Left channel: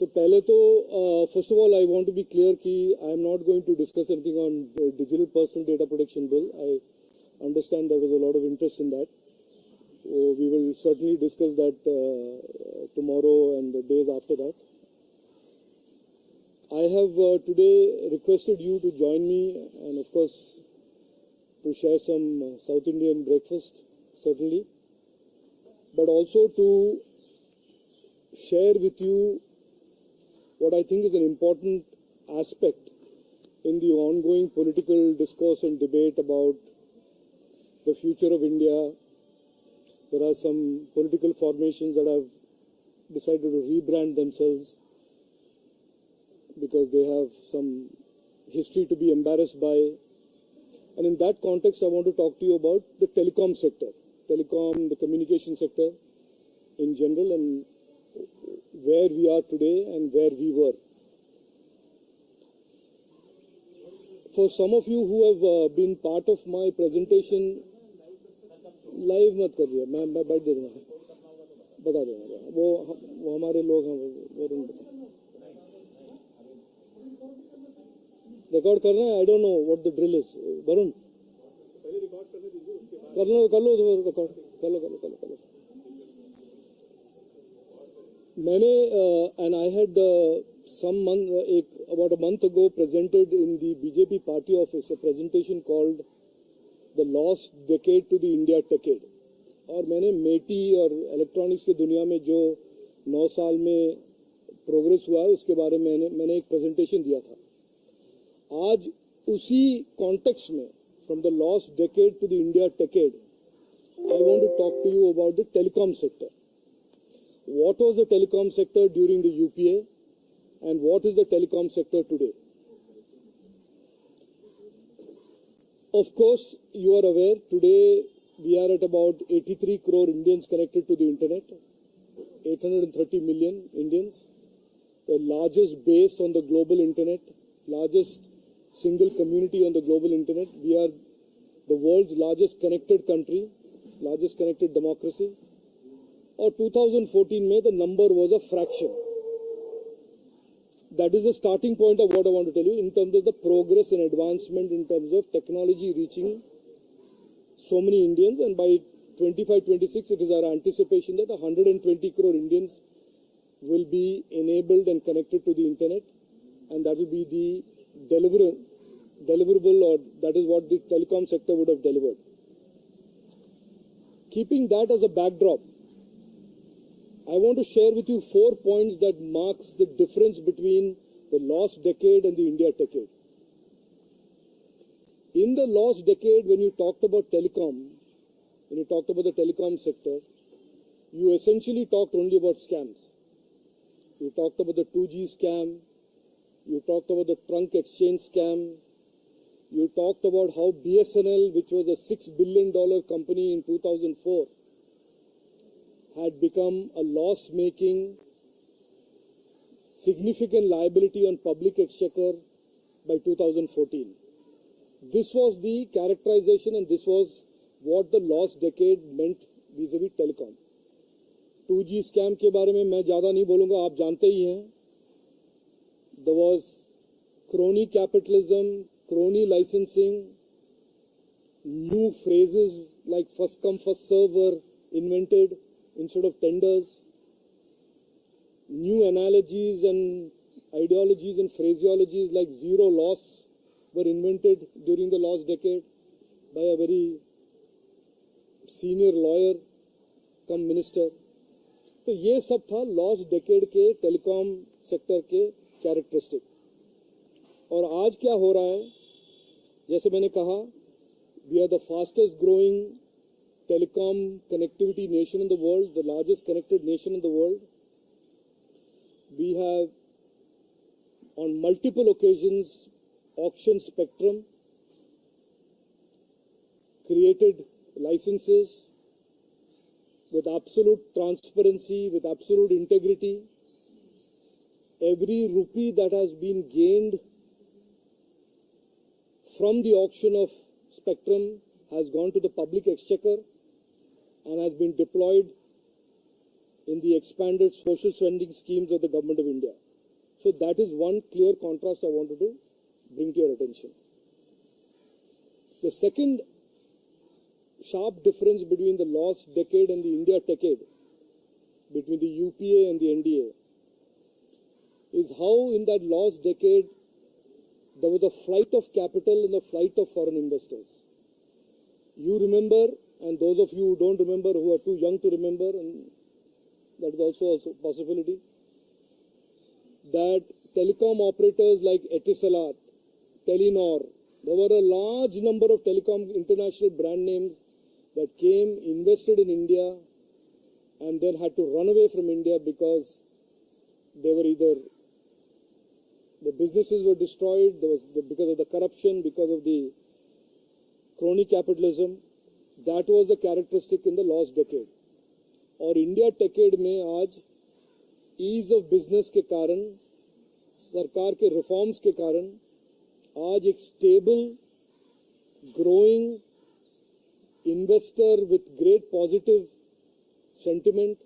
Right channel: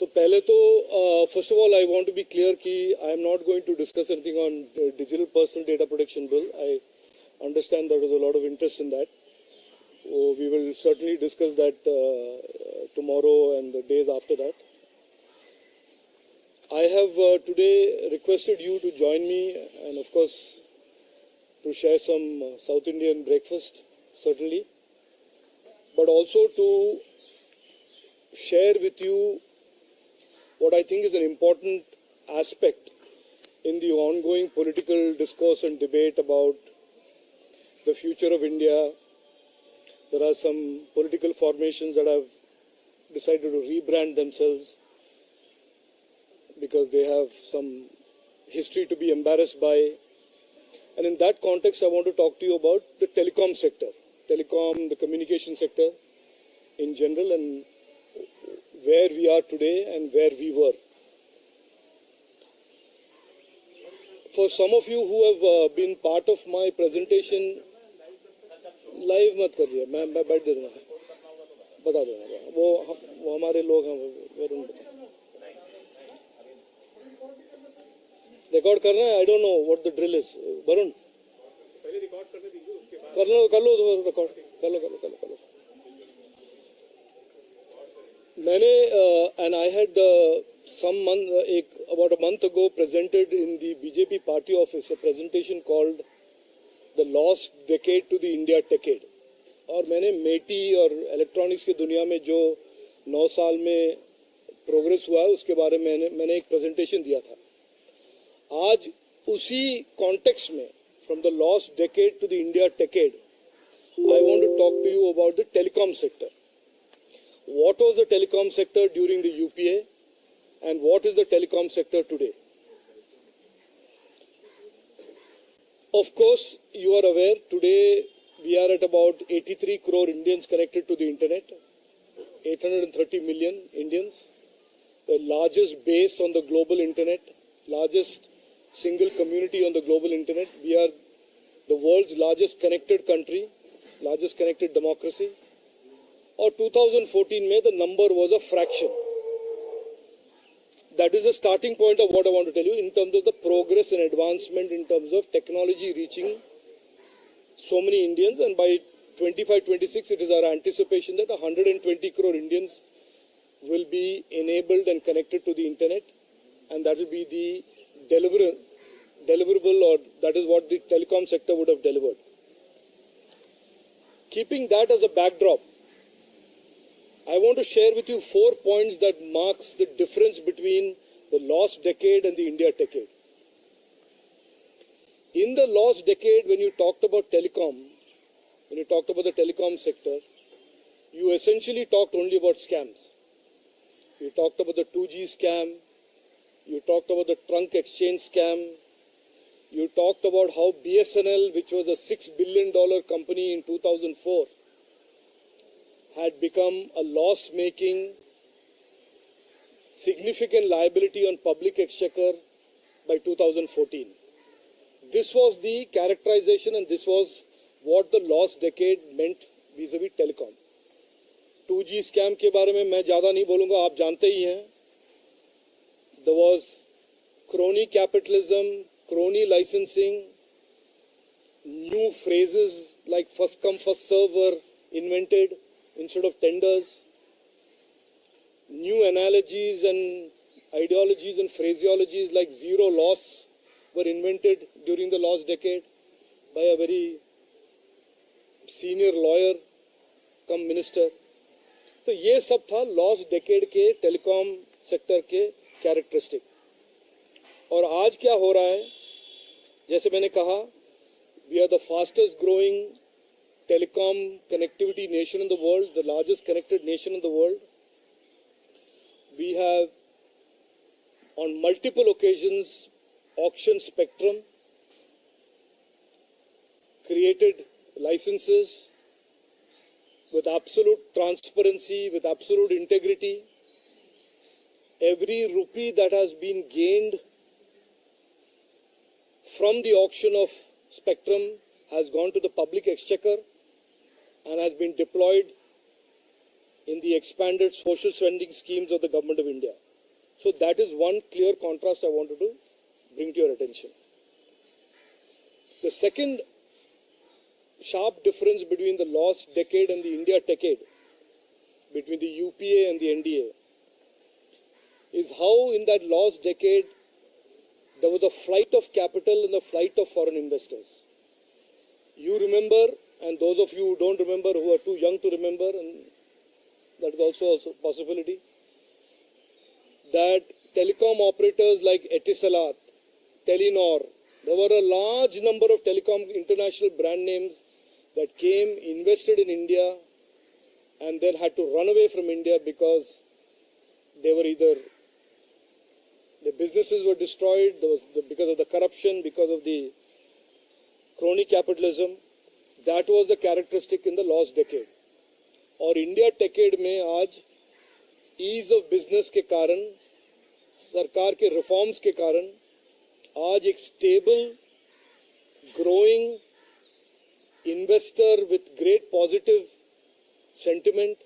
तो पहले तो first of all I want to be clear कि I am not going to discuss anything on the digital personal data protection bill. I understand there is a lot of interest in that. So we will certainly discuss that tomorrow and the days after that. I have today requested you to join me and of course to share some South Indian breakfast, certainly, but also to share with you what I think is an important aspect in the ongoing political discourse and debate about the future of India. There are some political formations that have decided to rebrand themselves because they have some history to be embarrassed by. And in that context, I want to talk to you about the telecom sector, the communication sector in general, and where we are today and where we were. For some of you who have been part of my presentation, live मत करिए, मैं बैठ दे दूँगा, बता दूँगा, वो हमारे लोग हैं, वरुण रिकॉर्ड करना है. I don't know what the drill is. Varun पहले रिकॉर्ड करने दीजिए, उसके बाद कर लो रिकॉर्ड कर लो. मैंने and I had about a month ago presented in the BJP party office a presentation called The Lost Decade to the India Decade. और मैंने मेटी और इलेक्ट्रॉनिक्स की दुनिया में जो 9 साल में प्रोग्रेस हुआ है उसके बारे में मैंने एक प्रेजेंटेशन दिया था. आज उसी कॉन्टेक्स्ट में from the lost decade to the India decade, I want to talk to you about the telecom sector. What was the telecom sector during the UPA and what is the telecom sector today? Of course, you are aware, today we are at about 83 crore Indians connected to the internet, 830 million Indians, the largest base on the global internet, largest single community on the global internet. We are the world's largest connected country, largest connected democracy. Or 2014 में the number was a fraction. That is the starting point of what I want to tell you in terms of the progress and advancement in terms of technology reaching so many Indians, and by 25-26 it is our anticipation that 120 crore Indians will be enabled and connected to the internet, and that will be the deliverable, or that is what the telecom sector would have delivered. Keeping that as a backdrop, I want to share with you 4 points that marks the difference between the lost decade and the India decade. In the lost decade, when you talked about telecom, when you talked about the telecom sector, you essentially talked only about scams. You talked about the 2G scam, you talked about the trunk exchange scam, you talked about how BSNL, which was a $6 billion company in 2004, had become a loss-making, significant liability on public exchequer by 2014. This was the characterization and this was what the lost decade meant vis-a-vis telecom. 2G scam के बारे में मैं ज़्यादा नहीं बोलूँगा, आप जानते ही हैं. There was crony capitalism, crony licensing, new phrases like first come first serve were invented instead of tenders. New analogies and ideologies and phraseologies like zero loss were invented during the last decade by a very senior lawyer come minister. तो ये सब था last decade के telecom sector के characteristic. और आज क्या हो रहा है, जैसे मैंने कहा, we are the fastest growing telecom connectivity nation in the world, the largest connected nation in the world. We have on multiple occasions auctioned spectrum, created licenses with absolute transparency, with absolute integrity. Every rupee that has been gained from the auction of spectrum has gone to the public exchequer and has been deployed in the expanded social spending schemes of the government of India. So that is one clear contrast I wanted to bring to your attention. The second sharp difference between the lost decade and the India decade, between the UPA and the NDA, is how in that lost decade there was a flight of capital and a flight of foreign investors. You remember, and those of you who don't remember, who are too young to remember, and that is also a possibility, that telecom operators like Etisalat, Telenor, there were a large number of telecom international brand names that came, invested in India, and then had to run away from India because they were either, the businesses were destroyed, because of the corruption, because of the crony capitalism. That was the characteristic in the lost decade. और India decade में आज ease of business के कारण, सरकार के reforms के कारण आज एक stable, growing investor with great positive sentiment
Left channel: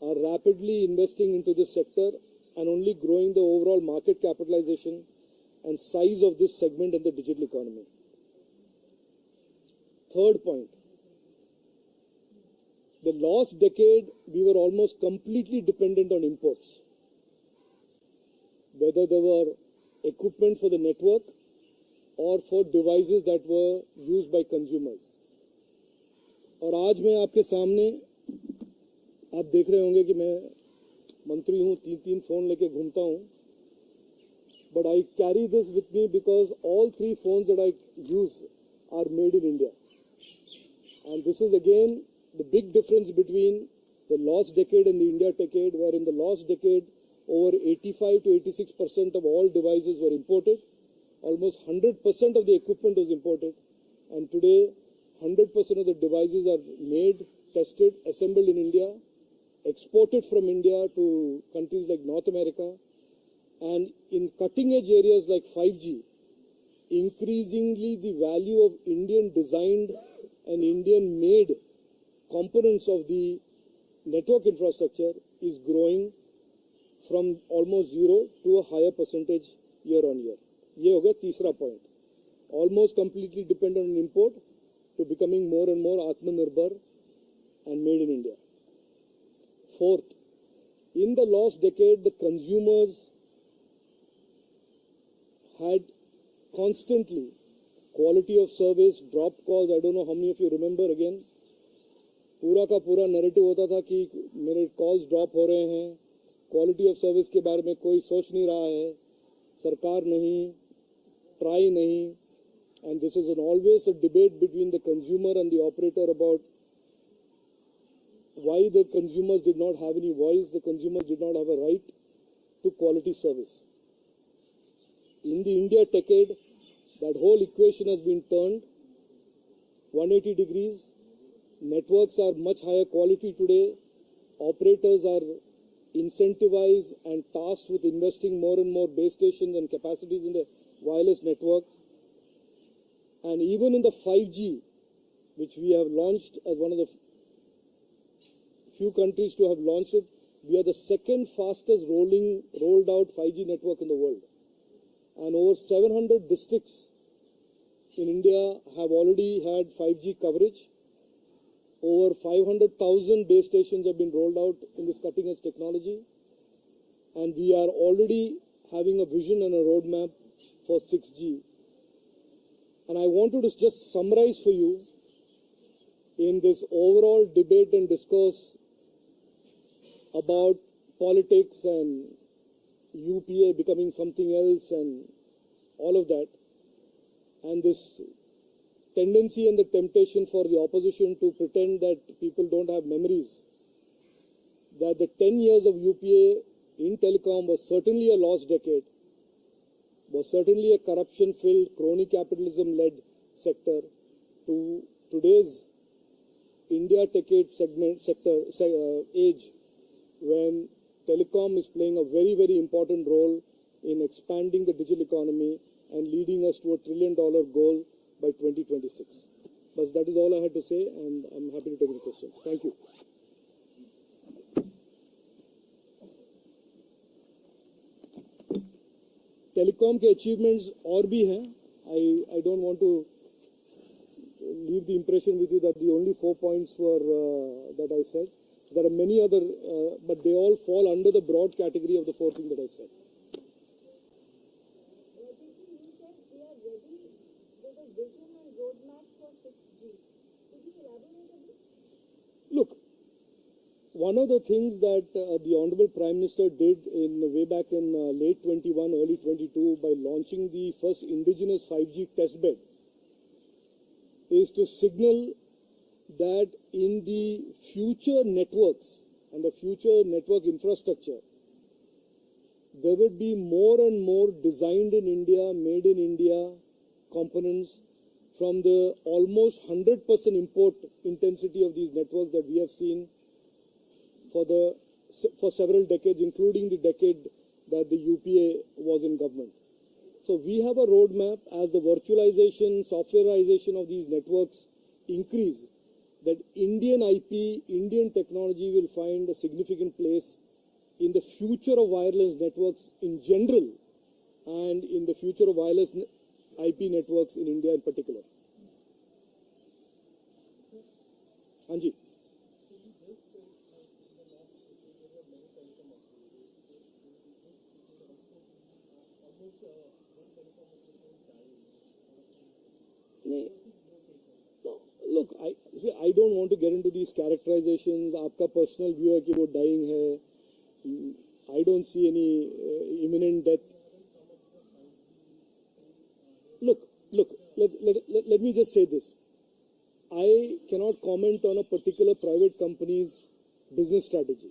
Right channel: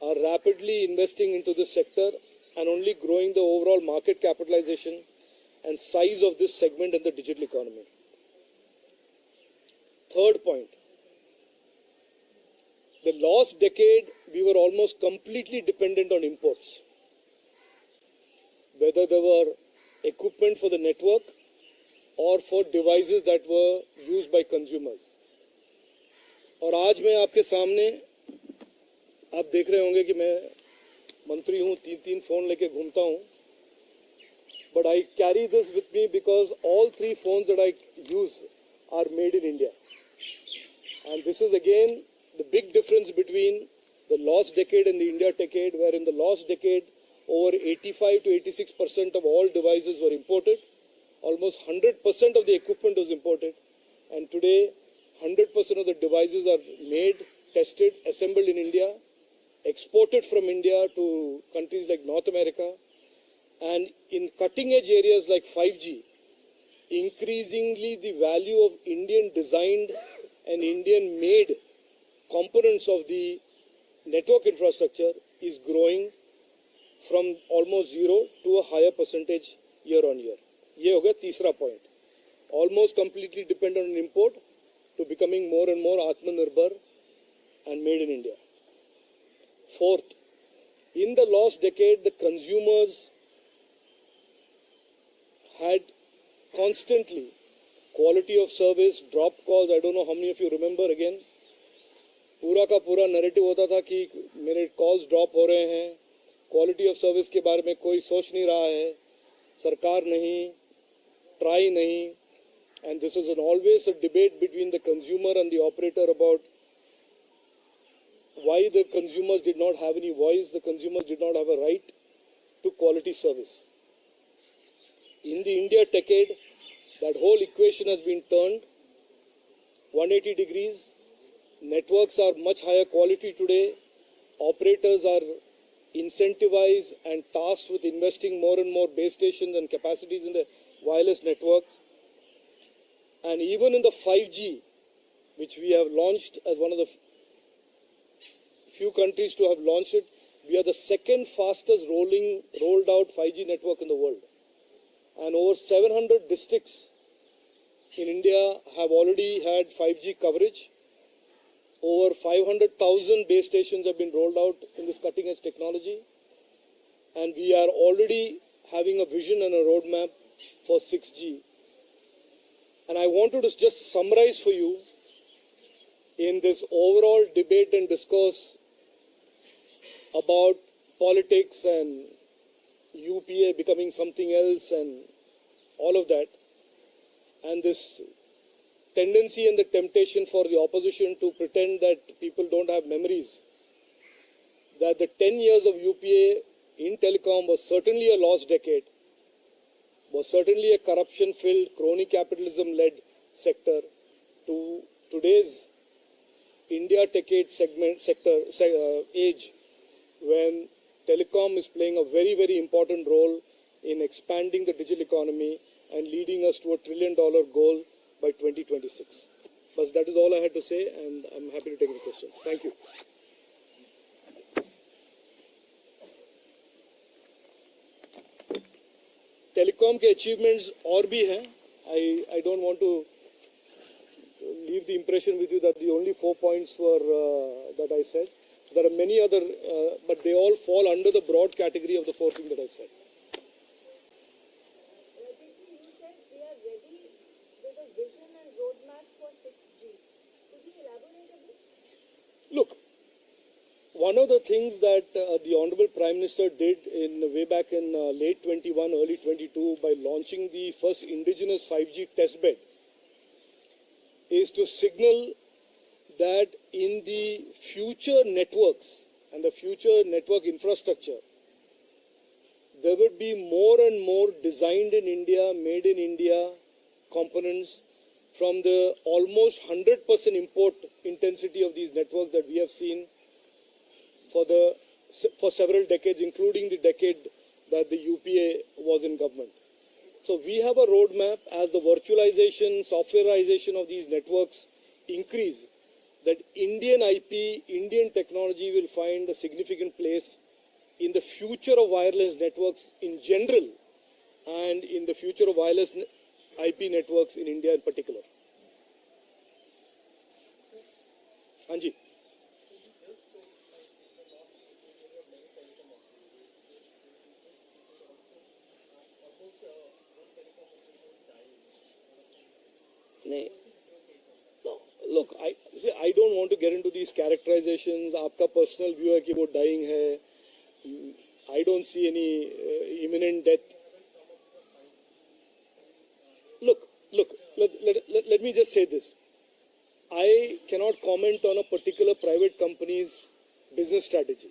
are rapidly investing into this sector and only growing the overall market capitalization and size of this segment in the digital economy. Third point, the last decade we were almost completely dependent on imports, whether they were equipment for the network or for devices that were used by consumers. और आज मैं आपके सामने, आप देख रहे होंगे कि मैं मंत्री हूँ, तीन फोन लेके घूमता हूँ, but I carry this with me because all three phones that I use are made in India. And this is again the big difference between the lost decade and the India decade, where in the lost decade over 85 to 86% of all devices were imported, almost 100% of the equipment was imported, and today 100% of the devices are made, tested, assembled in India, exported from India to countries like North America, and in cutting-edge areas like 5G, increasingly the value of Indian designed and Indian made components of the network infrastructure is growing from almost zero to a higher percentage year on year. ये हो गया तीसरा point. Almost completely dependent on import to becoming more and more Atmanirbhar and made in India. Fourth, in the last decade, the consumers had constantly quality of service, dropped calls. I don't know how many of you remember again. पूरा का पूरा narrative होता था कि मेरे calls drop हो रहे हैं, क्वालिटी ऑफ सर्विस के बारे में कोई सोच नहीं रहा है, सरकार नहीं, ट्राई नहीं. And this is always a debate between the consumer and the operator about why the consumers did not have any voice, the consumers did not have a right to quality service. In the India decade, that whole equation has been turned 180 degrees. Networks are much higher quality today. Operators are incentivized and tasked with investing more and more base stations and capacities in the wireless networks. And even in the 5G, which we have launched as one of the few countries to have launched it, we are the second fastest rolled out 5G network in the world. And over 700 districts in India have already had 5G coverage. Over 500,000 base stations have been rolled out in this cutting edge technology. And we are already having a vision and a roadmap for 6G. And I wanted to just summarize for you in this overall debate and discourse about politics and UPA becoming something else and all of that, and this tendency and the temptation for the opposition to pretend that people don't have memories, that the 10 years of UPA in telecom was certainly a lost decade, was certainly a corruption-filled, crony capitalism-led sector, to today's India decade age, when telecom is playing a very, very important role in expanding the digital economy and leading us to $1 trillion goal by 2026. But that is all I had to say, and I'm happy to take any questions. Thank you. telecom के achievements और भी हैं. I don't want to leave the impression with you that the only 4 points were that I said. There are many other, but they all fall under the broad category of the 4 things that I said. Rajeev, you said they are ready with a vision and roadmap for 6G. Could you elaborate a bit? Look, one of the things that the Honorable Prime Minister did way back in late 21, early 22 by launching the first indigenous 5G testbed is to signal that in the future networks and the future network infrastructure, there would be more and more designed in India, made in India components from the almost 100% import intensity of these networks that we have seen for several decades, including the decade that the UPA was in government. So we have a roadmap as the virtualization, softwareization of these networks increase, that Indian IP, Indian technology will find a significant place in the future of wireless networks in general and in the future of wireless IP networks in India in particular. Anji. No, look, I don't want to get into these characterizations. आपका personal view है कि वो dying है. I don't see any imminent death. Look, let me just say this. I cannot comment on a particular private company's business strategy.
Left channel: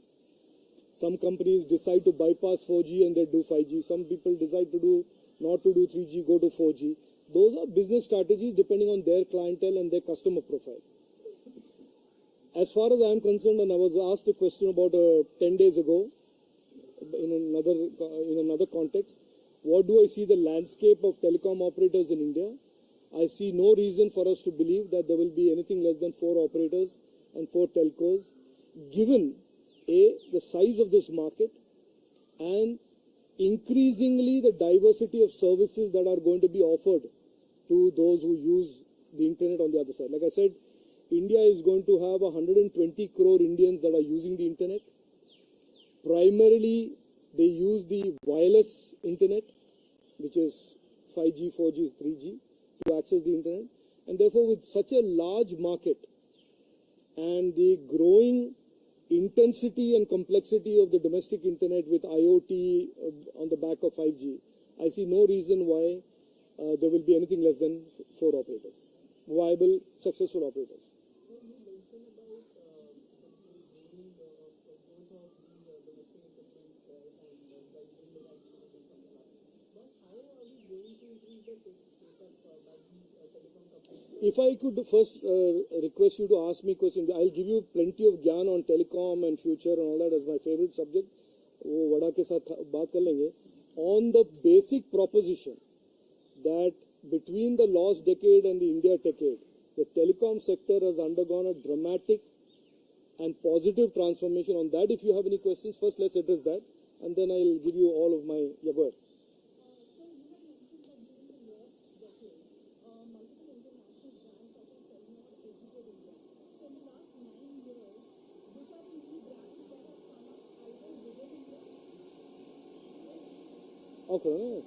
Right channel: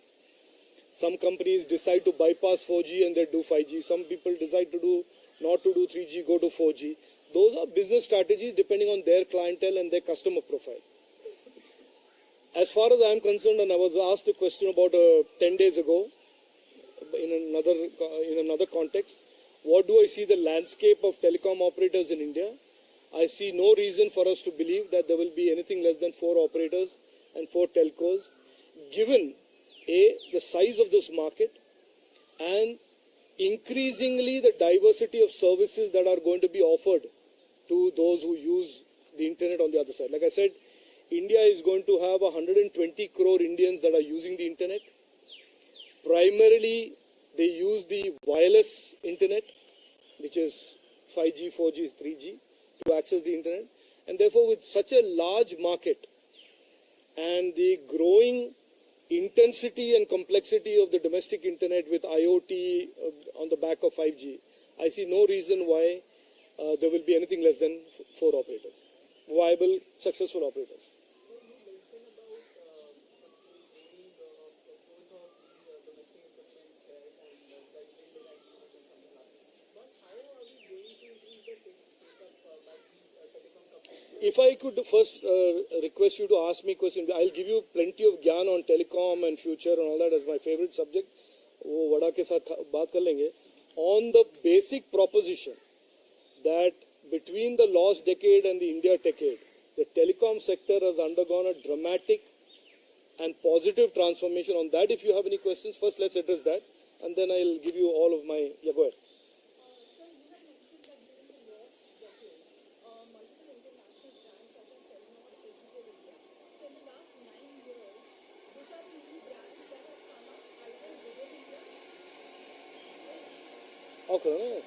Some companies decide to bypass 4G and they do 5G. Some people decide to not to do 3G, go to 4G. Those are business strategies depending on their clientele and their customer profile. As far as I am concerned, and I was asked a question about 10 days ago in another context, what do I see the landscape of telecom operators in India? I see no reason for us to believe that there will be anything less than 4 operators and 4 telcos, given the size of this market and increasingly the diversity of services that are going to be offered to those who use the internet on the other side. Like I said, India is going to have 120 crore Indians that are using the internet. Primarily, they use the wireless internet, which is 5G, 4G, 3G, to access the internet. And therefore, with such a large market and the growing intensity and complexity of the domestic internet with IoT on the back of 5G, I see no reason why there will be anything less than 4 operators, viable, successful operators. So you mentioned about gaining of both of the domestic equipment and the Indian devices and something like that. But how are we going to increase the take-up by these telecom companies? If I could first request you to ask me questions, I'll give you plenty of gyan on telecom and future and all that as my favorite subject. वो वड़ा के साथ बात कर लेंगे. On the basic proposition that between the lost decade and the India decade, the telecom sector has undergone a dramatic and positive transformation. On that, if you have any questions, first let's address that, and then I'll give you all of my. Yeah, go ahead. Sir, you have mentioned that during the last decade, multiple international brands such as Telenor exited India. So in the last 9 years, which are the new brands that have come up either within India? Okay.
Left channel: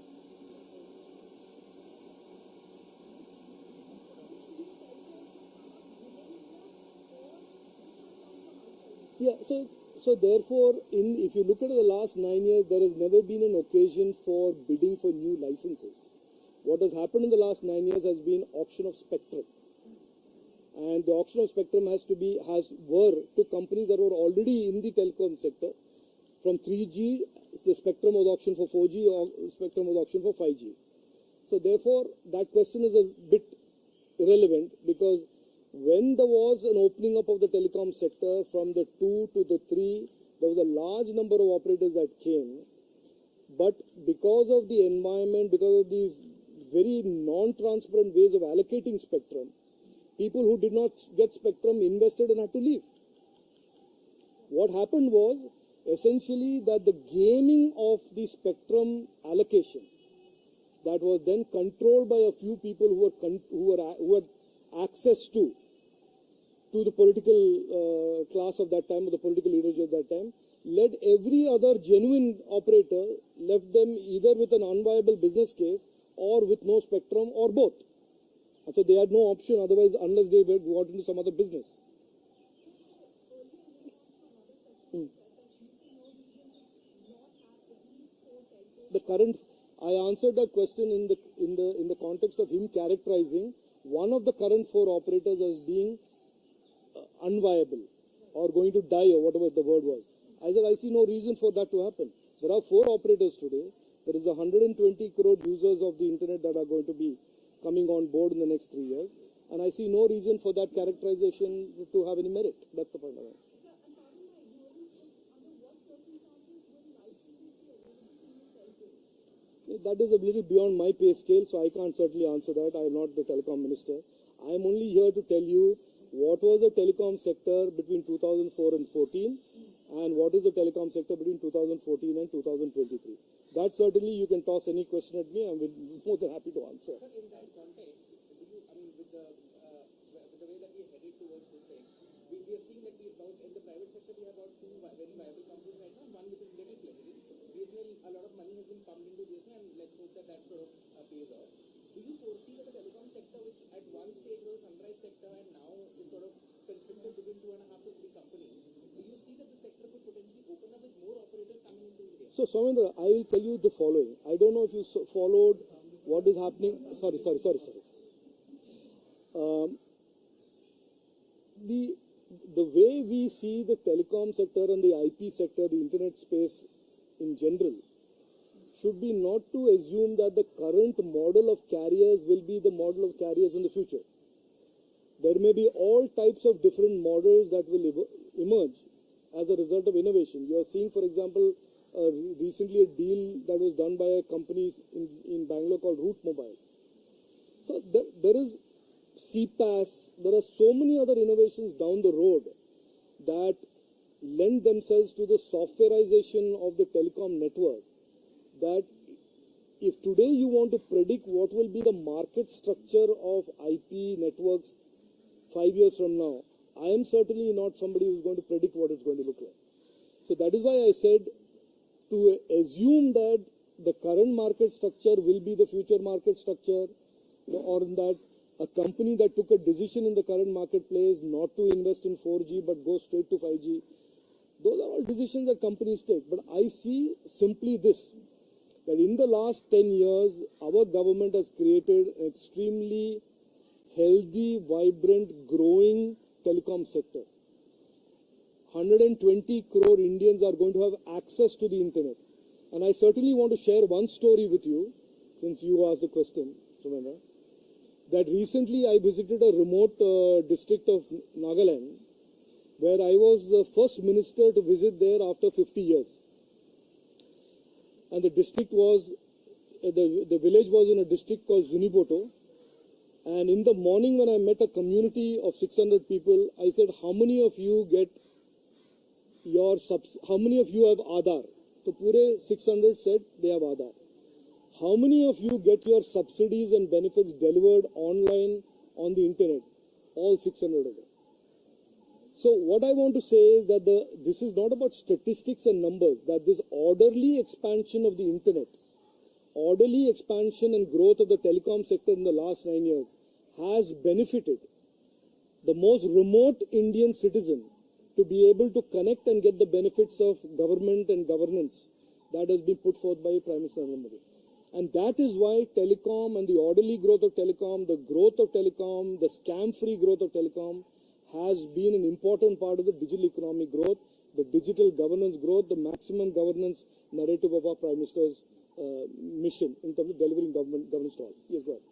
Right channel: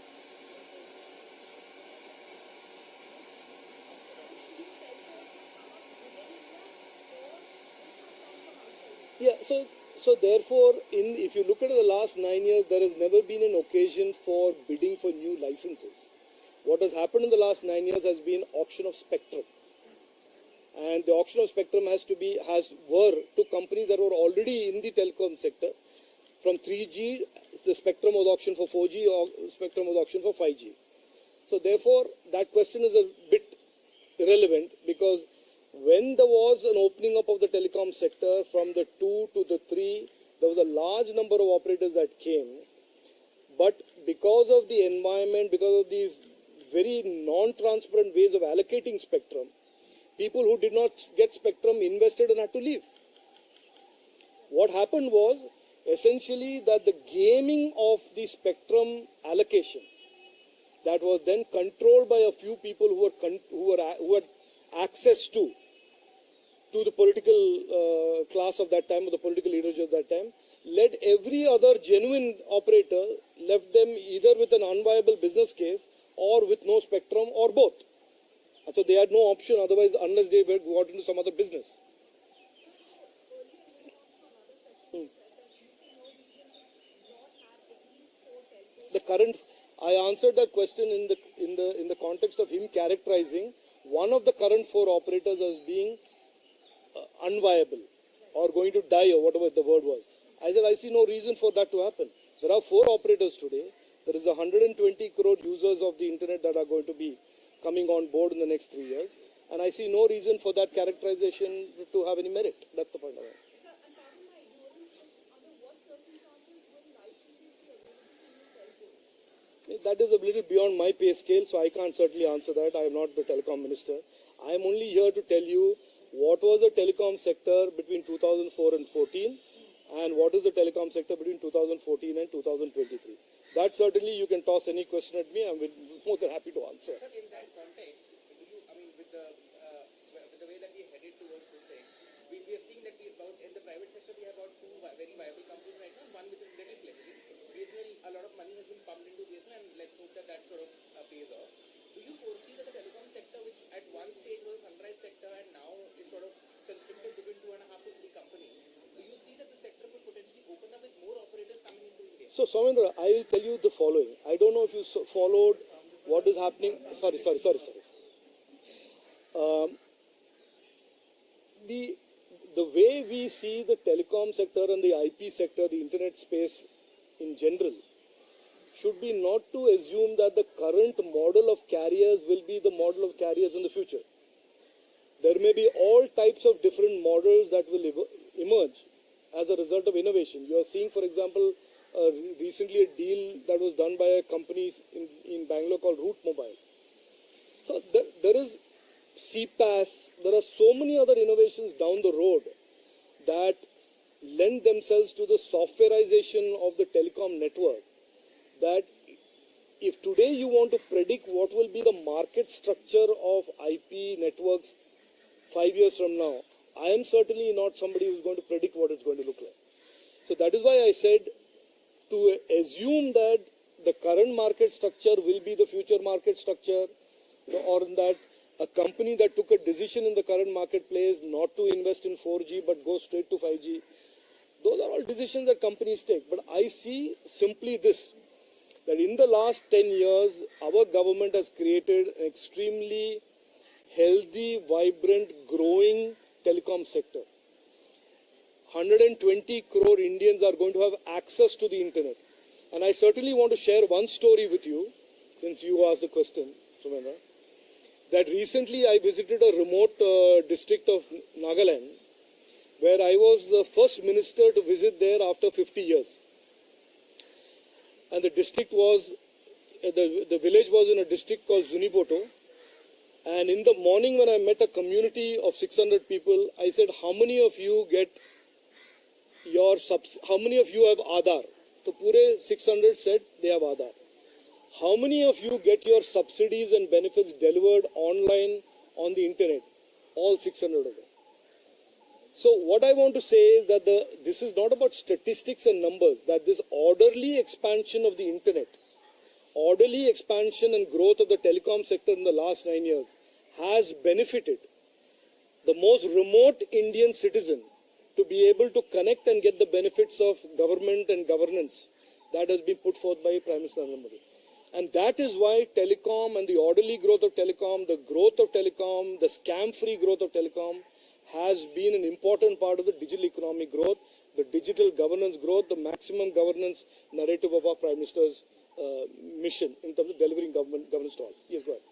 Yeah, so therefore, if you look at the last 9 years, there has never been an occasion for bidding for new licenses. What has happened in the last 9 years has been auction of spectrum. And the auction of spectrum were to companies that were already in the telecom sector. From 3G, the spectrum was auctioned for 4G, or spectrum was auctioned for 5G. So therefore, that question is a bit irrelevant, because when there was an opening up of the telecom sector from the 2 to the 3, there was a large number of operators that came. But because of the environment, because of these very non-transparent ways of allocating spectrum, people who did not get spectrum invested and had to leave. What happened was essentially that the gaming of the spectrum allocation that was then controlled by a few people who had access to the political class of that time, or the political leadership of that time, led every other genuine operator, left them either with an unviable business case or with no spectrum or both. And so they had no option otherwise, unless they got into some other business. The current, I answered that question in the context of him characterizing one of the current 4 operators as being unviable or going to die, or whatever the word was. I said I see no reason for that to happen. There are 4 operators today. There is 120 crore users of the internet that are going to be coming on board in the next 3 years, and I see no reason for that characterization to have any merit. That's the point of it. That is a little beyond my pay scale, so I can't certainly answer that. I am not the telecom minister. I am only here to tell you what was the telecom sector between 2004 and 14, and what is the telecom sector between 2014 and 2023. That certainly you can toss any question at me. I'm more than happy to answer. Sir, in that context, do you, I mean, with the way that we are headed towards this thing, we are seeing that in the private sector we have about 2 very viable companies right now. One which is little fledgling. BSNL, a lot of money has been pumped into BSNL, and let's hope that sort of pays off. Do you foresee that the telecom sector, which at one stage was a sunrise sector and now is sort of constricted between 2.5 to 3 companies, do you see that the sector could potentially open up with more operators coming into India? So, Soumendra, I will tell you the following. I don't know if you followed what is happening. Sorry. The way we see the telecom sector and the IP sector, the internet space in general, should be not to assume that the current model of carriers will be the model of carriers in the future. There may be all types of different models that will emerge as a result of innovation. You are seeing, for example, recently a deal that was done by a company in Bangalore called Route Mobile. So there is CPaaS, there are so many other innovations down the road that lend themselves to the softwareization of the telecom network, that if today you want to predict what will be the market structure of IP networks 5 years from now, I am certainly not somebody who's going to predict what it's going to look like. So that is why I said to assume that the current market structure will be the future market structure, or that a company that took a decision in the current marketplace not to invest in 4G but go straight to 5G, those are all decisions that companies take. But I see simply this, that in the last 10 years, our government has created an extremely healthy, vibrant, growing telecom sector. 120 crore Indians are going to have access to the internet. And I certainly want to share one story with you, since you asked the question, Sumendra, that recently I visited a remote district of Nagaland, where I was the first minister to visit there after 50 years. And the district was, the village was in a district called Zuniboto. And in the morning when I met a community of 600 people, I said, how many of you get how many of you have Aadhaar? So pure 600 said they have Aadhaar. How many of you get your subsidies and benefits delivered online on the internet? All 600 of them. So what I want to say is that this is not about statistics and numbers, that this orderly expansion of the internet, orderly expansion and growth of the telecom sector in the last 9 years has benefited the most remote Indian citizen to be able to connect and get the benefits of government and governance that has been put forth by Prime Minister Narendra Modi. And that is why telecom and the orderly growth of telecom, the growth of telecom, the scam-free growth of telecom has been an important part of the digital economic growth, the digital governance growth, the maximum governance narrative of our Prime Minister's mission in terms of delivering governance to all. Yes, go ahead.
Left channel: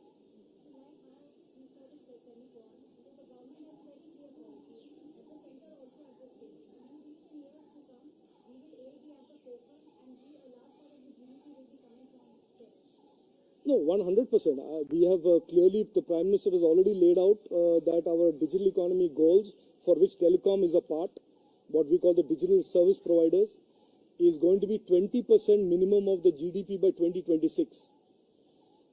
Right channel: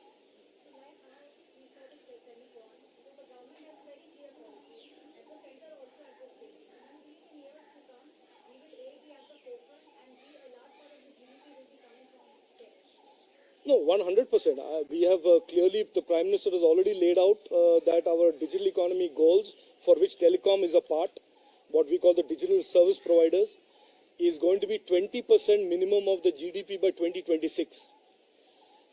No, 100%. We have clearly, the Prime Minister has already laid out that our digital economy goals, for which telecom is a part, what we call the digital service providers, is going to be 20% minimum of the GDP by 2026.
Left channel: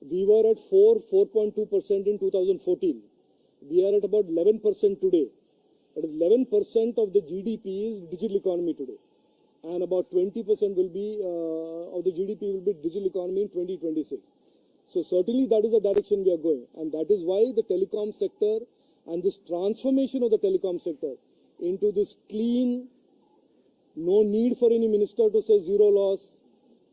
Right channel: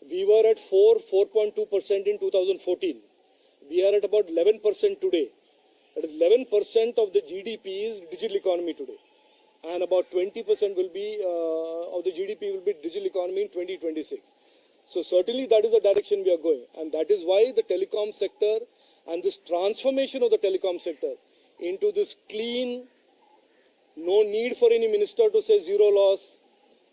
We were at 4.2% in 2014. We are at about 11% today. That is 11% of the GDP is digital economy today. And about 20% will be of the GDP will be digital economy in 2026. So certainly that is the direction we are going. And that is why the telecom sector and this transformation of the telecom sector into this clean, no need for any minister to say zero loss,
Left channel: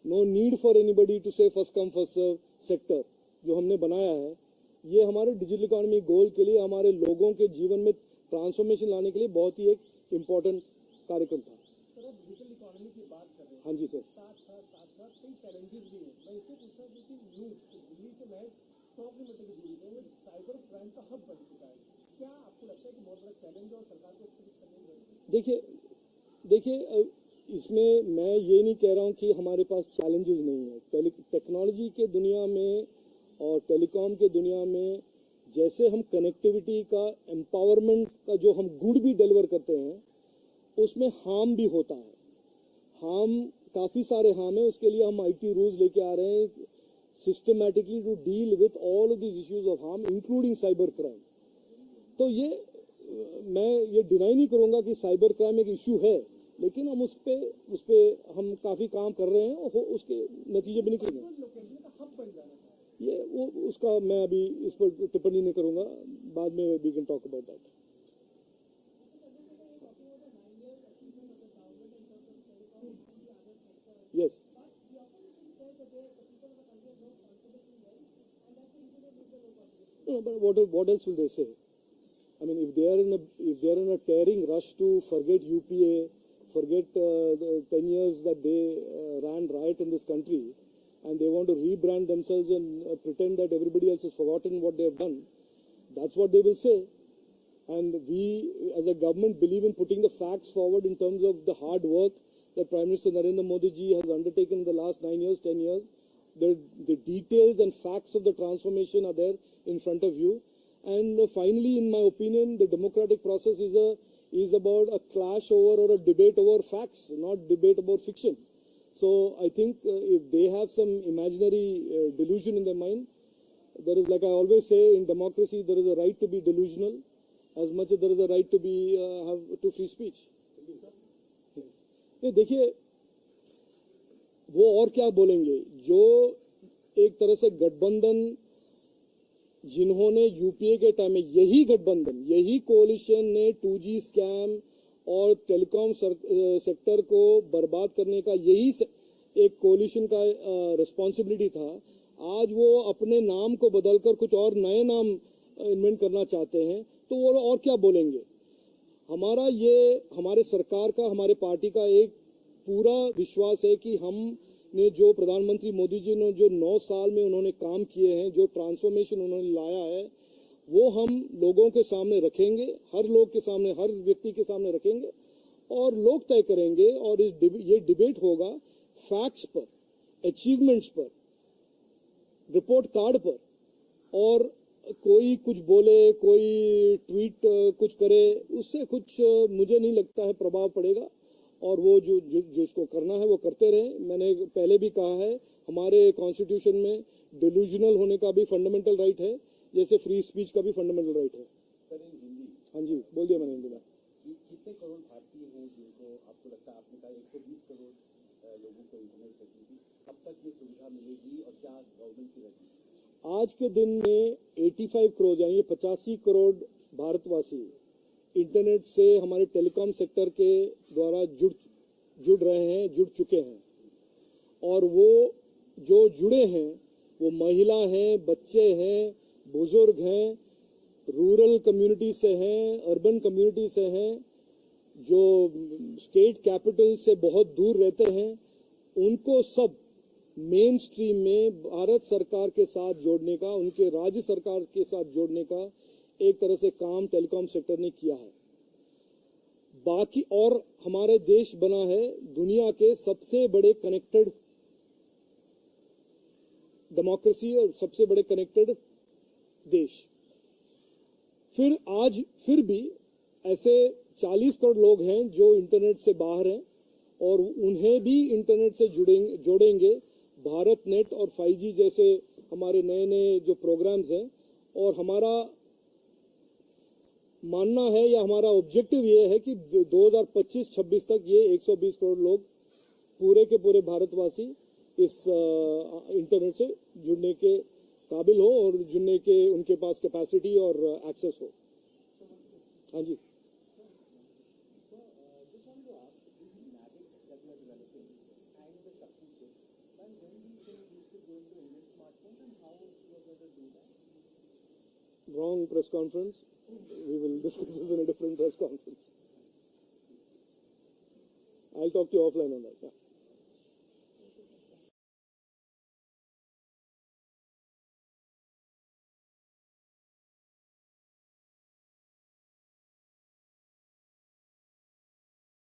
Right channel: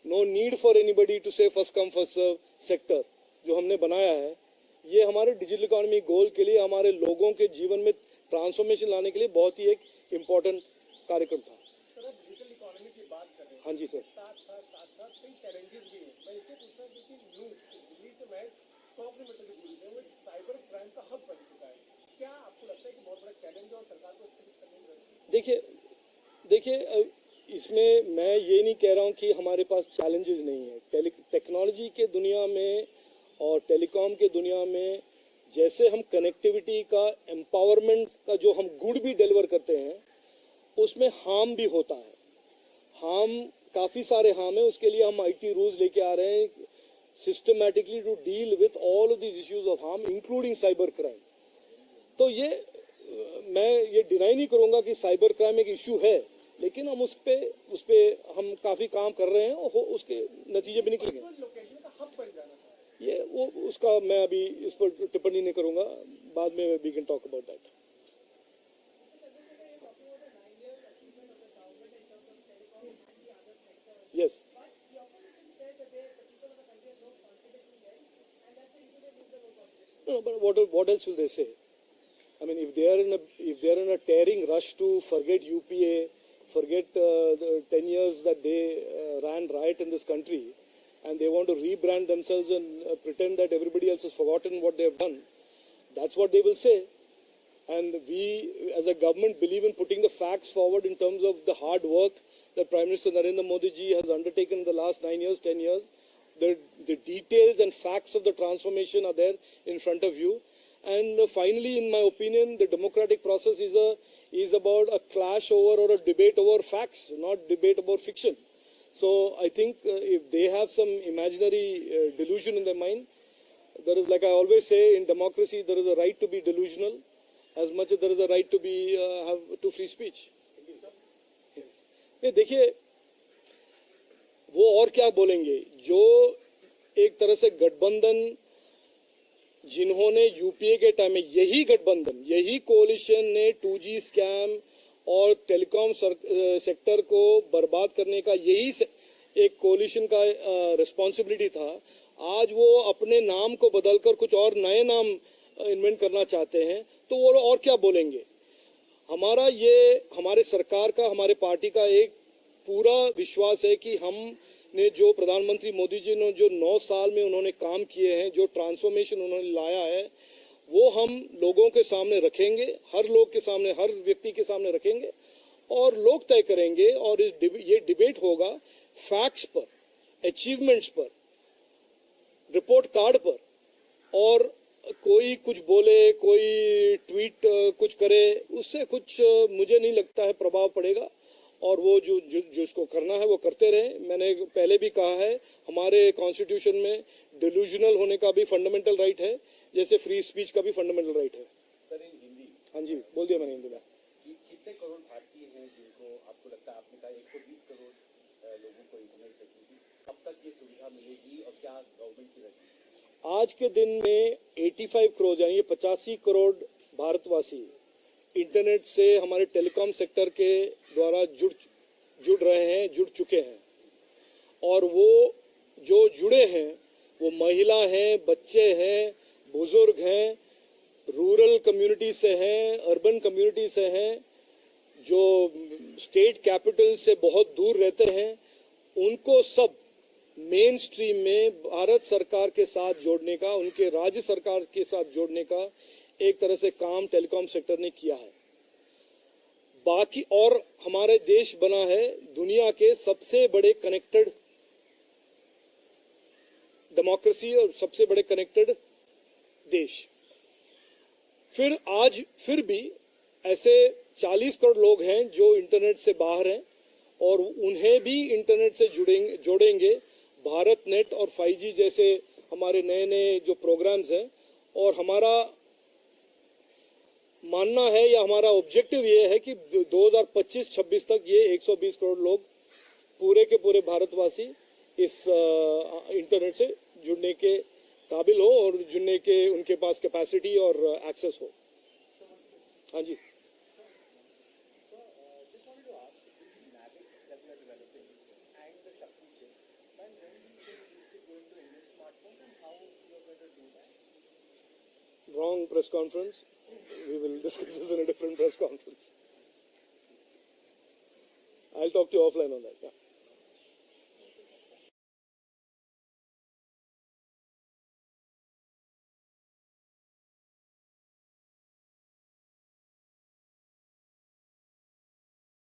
no need for anybody to say first come first serve sector जो हमने बनाया है, ये हमारे digital economy गोल के लिए, हमारे लोगों के जीवन में ट्रांसफॉर्मेशन लाने के लिए बहुत ही एक इम्पोर्टेंट कार्यक्रम था। सर, आप डिजिटल इकोनॉमी की बात कर रहे हैं। हाँ जी सर। साथ कई चैलेंजेस भी हैं। मैं इससे पूछ रहा था कि दिल्ली से महज 100 किलोमीटर की दूरी पे वो साइबर क्राइम का हब बन चुका है। क्या आपको लगता है कि बहुत बड़ा चैलेंज है और सरकार को इससे कुछ करने की जरूरत है? देखिए इसमें मैं ये नहीं कह रहा हूँ कि हमारे पास चैलेंजेस नहीं है। टेक्नोलॉजी के दुनिया में और टेलीकॉम के दुनिया में जैसे हम कनेक्टिविटी का एम्पावरमेंट का जो हम गुड भी डिलीवर करते हैं, उसमें हार्म भी होता है। हार्म काफ़ी सारे हार्म है, उसके लिए हम IT रूल्स लेके आ रहे हैं systematically to deal with all of these issues of harm including cyber crime. तो ये मैं ये डिनाई नहीं करूँगा कि साइबर क्राइम एक इशू है, लेकिन हम उस पे हम काफ़ी काम कर रहे हैं और उसके नतीजे भी निकलेंगे। ये वो उसका मैं अभी इस पर टिप्पणी नहीं करूँगा, बाद में we can talk about that. Yes, but what else will they say? I mean, if they are in a tearing rush to forget UPA, forget the 10 years that they ran riot in this country, and they want to rebrand themselves and pretend that everybody else has forgotten what they have done, that's what they will say. And we, as a government, believe in putting the facts forward in terms of the hard work that Prime Minister Narendra Modi ji has undertaken in the last 9 years, 10 years. The details and facts of the transformation are there in front of you. And finally, in my opinion, the democratic process is about a clash over or a debate over facts, not debate about fiction. So I think if they have some imaginary delusion in their mind, there is, like I always say, in democracy, there is a right to be delusional as much as there is a right to be to free speech. ये देखिए, वो और क्या बोलेंगे, जो एक तरह से गठबंधन जिन्होंने यूपीए के टाइम में, यही गठबंधन, यही कोalition ने 2G स्कैम और टेलीकॉम सेक्टर को बर्बाद करने का यही एक कोalition का रिस्पॉन्सिबिलिटी था। आज वो अपने नाम को बदलकर कुछ और नए नाम इन्वेंट करना चाहते हैं, तो वो और क्या बोलेंगे। हमारा ये, हमारे सरकार का, हमारे पार्टी का एक पूरा विश्वास है कि हमने जो प्रधानमंत्री मोदी जी ने जो 9 साल में उन्होंने काम किए हैं, जो ट्रांसफॉर्मेशन उन्होंने लाया है, वो हम लोगों के सामने रखेंगे, हर लोग के सामने, हर व्यक्ति के सामने रखेंगे और लोग तय करेंगे। और ये डिबेट होगा फैक्ट्स पर, अचीवमेंट्स पर, रिपोर्ट कार्ड पर। और कोई कुछ बोले, कोई ट्वीट कुछ करे, उससे कुछ मुझे नहीं लगता है प्रभाव पड़ेगा। और वो जो इसको करना है वो करते रहे। मैंने पहले भी कहा है, हमारे कॉन्स्टिट्यूशन में डिल्यूजनल होने का भी फंडामेंटल राइट है, जैसे फ्री स्पीच का भी फंडामेंटल राइट है। सर, इन हिंदी, हाँ जी, बोल दिया मैंने हिंदी में। कितने करोड़ भारतीय हैं जिनको आपको लगता है, आपने कहा 120 करोड़ लोगों को इंटरनेट फैसिलिटी, कब तक ये सुविधा मिलेगी और क्या गवर्नमेंट की रणनीति? आज के दिन में 85 करोड़ यानी 85 करोड़ भारतवासी इंटरनेट से हमारे टेलीकॉम सेक्टर के द्वारा जुड़ रहे हैं, जुड़ चुके हैं। और वो जो जुड़े हैं वो महिला हैं, बच्चे हैं, बुजुर्ग हैं, रूरल कम्युनिटी से हैं, अर्बन कम्युनिटी से हैं, जो स्टेट कैपिटल से बहुत दूर रहते हैं, उनको सब मेन स्ट्रीम में भारत सरकार के साथ जोड़ने का, उनके राज्य सरकार के साथ जोड़ने का एक तरह से काम टेलीकॉम सेक्टर ने किया है। बाकी और हमारे देश बना है दुनिया के सबसे बड़े कनेक्टेड डेमोक्रेसी और सबसे बड़े कनेक्टेड देश। फिर भी ऐसे 40 करोड़ लोग हैं जो इंटरनेट से बाहर हैं और उन्हें भी इंटरनेट से जोड़ेंगे। भारत नेट और 5G जैसे हमारे नए नए जो प्रोग्राम्स हैं, और हमारा मानना है या हमारा ऑब्जेक्टिव ये है कि 2025-26 तक ये 120 करोड़ लोग पूरे के पूरे भारतवासी इस इंटरनेट से जुड़ने के काबिल हो और जुड़ने के उनके पास कैपेसिटी और एक्सेस हो। हाँ जी। Just wanted to ask, this NAVIC that we are developing and the Shakti chip, when do you think this could go into Indian smartphones and how you are going to do that? Wrong press conference. We will discuss this in a different press conference. I'll talk to you offline on that. Yeah.